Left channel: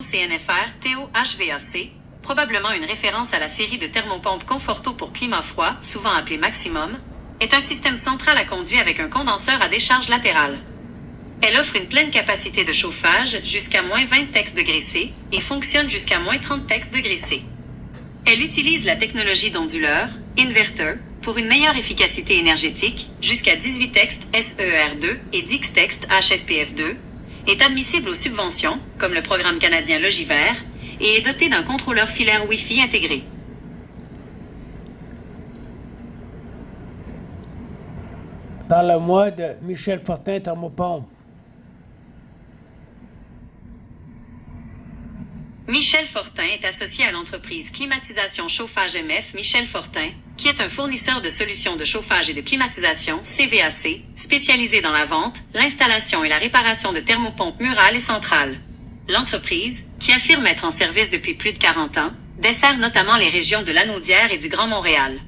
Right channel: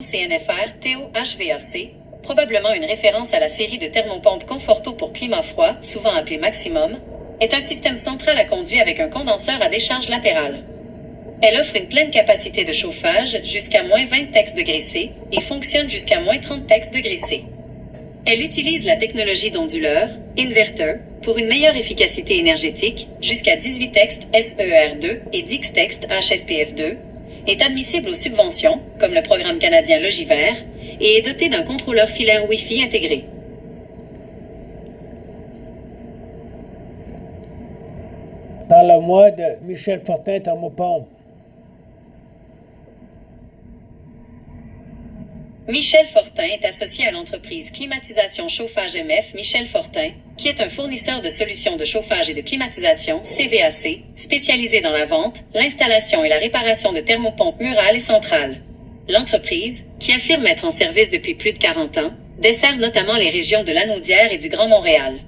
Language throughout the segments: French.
CNFR TO-HVAC, probablement une référence à la série de thermopompes Conforto pour climat froid, souvent appelée Maximum, est un système central à conduit avec un condenseur à décharge latérale. Elle offre une pleine capacité de chauffage jusqu'à moins 20 degrés C et fonctionne jusqu'à moins 30 degrés C. Elle utilise la technologie d'onduleur, inverter, pour une meilleure efficacité énergétique, jusqu'à 18 textes SER2 et 10 textes HSPF2, est admissible aux subventions, comme le programme canadien Logivert, et est doté d'un contrôleur filaire Wi-Fi intégré. Parle-moi de Michel Fortin Thermopompe. Michel Fortin est associé à l'entreprise Climatisation Chauffage MF Michel Fortin, qui est un fournisseur de solutions de chauffage et de climatisation CVAC, spécialisé dans la vente, l'installation et la réparation de thermopompes murales et centrales. L'entreprise, qui affirme être en service depuis plus de 40 ans, dessert notamment les régions de Lanaudière et du Grand Montréal.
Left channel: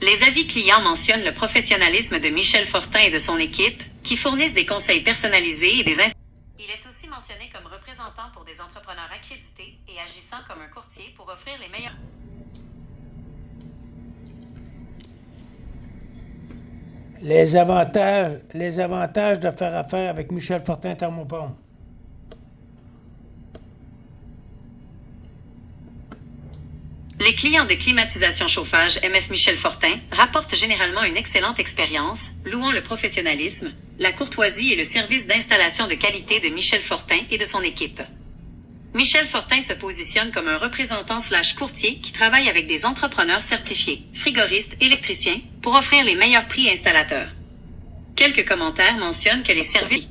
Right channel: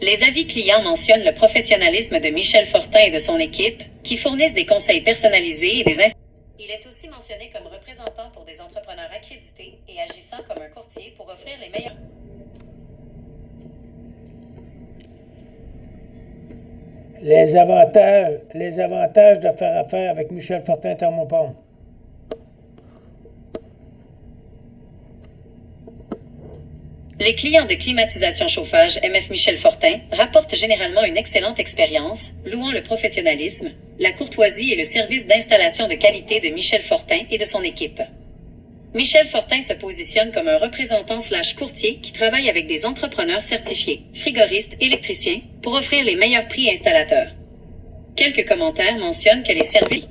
Les avis clients mentionnent le professionnalisme de Michel Fortin et de son équipe, qui fournissent des conseils personnalisés et des installations. Il est aussi mentionné comme représentant pour des entrepreneurs accrédités et agissant comme un courtier pour offrir les meilleurs. Les avantages de faire affaire avec Michel Fortin Thermopompe. Les clients de climatisation chauffage MF Michel Fortin rapportent généralement une excellente expérience, louant le professionnalisme, la courtoisie et le service d'installation de qualité de Michel Fortin et de son équipe. Michel Fortin se positionne comme un représentant/courtier qui travaille avec des entrepreneurs certifiés, frigoristes, électriciens, pour offrir les meilleurs prix installateurs. Quelques commentaires mentionnent que les services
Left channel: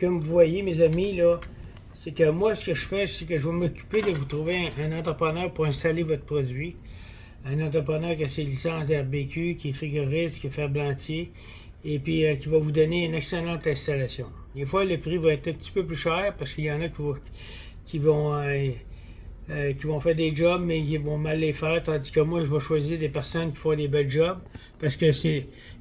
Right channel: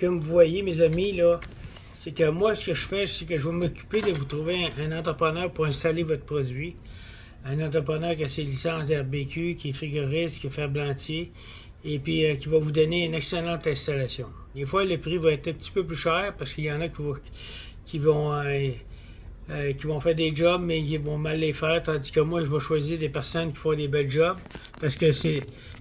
Comme vous voyez, mes amis, là, c'est que moi, ce que je fais, c'est que je vais m'occuper de vous trouver un entrepreneur pour installer votre produit. Un entrepreneur qui a ses licences RBQ, qui est frigoriste, qui est ferblantier, et puis qui va vous donner une excellente installation. Des fois, le prix va être un petit peu plus cher parce qu'il y en a qui vont faire des jobs, mais qui vont mal les faire, tandis que moi, je vais choisir des personnes qui font des belles jobs, parce que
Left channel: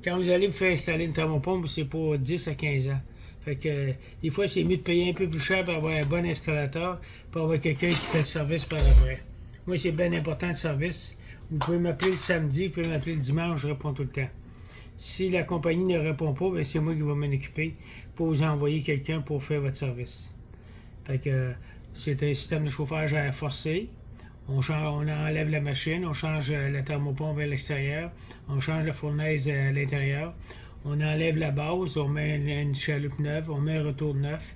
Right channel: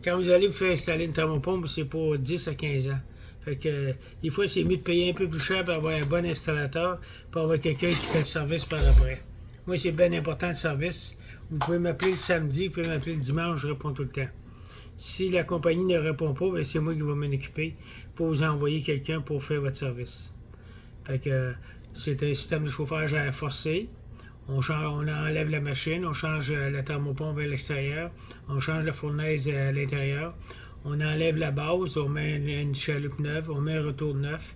quand vous allez vous faire installer une thermopompe, c'est pour 10 à 15 ans. Fait que des fois, c'est mieux de payer un peu plus cher pour avoir un bon installateur, pour avoir quelqu'un qui fait le service par après. Moi, c'est bien important le service. Vous pouvez m'appeler le samedi, vous pouvez m'appeler le dimanche, je réponds tout le temps. Si la compagnie ne répond pas, bien, c'est moi qui vais m'en occuper pour vous envoyer quelqu'un pour faire votre service. Fait que c'est un système de chauffage à air forcé. On enlève la machine, on change la thermopompe à l'extérieur, on change la fournaise à l'intérieur. On enlève la base, on met une chaloupe neuve, on met un retour neuf.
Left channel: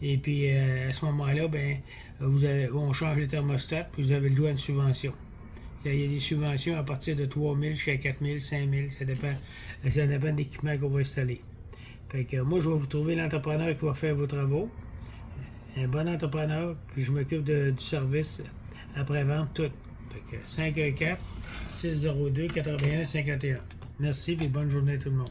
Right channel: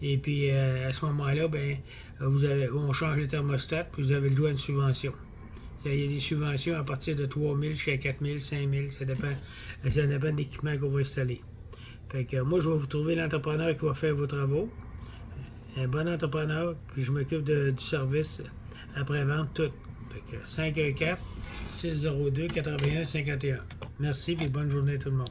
Et puis, à ce moment-là, ben, on change le thermostat, puis vous avez le droit à une subvention. Il y a des subventions à partir de 3 000 jusqu'à 4 000, 5 000, ça dépend de l'équipement qu'on va installer. Fait que moi, je vais vous trouver l'entrepreneur qui va faire vos travaux. Un bon entrepreneur, puis je m'occupe du service après-vente, tout. Fait que 514-602-81-51. Merci, puis bonne journée à tout le monde.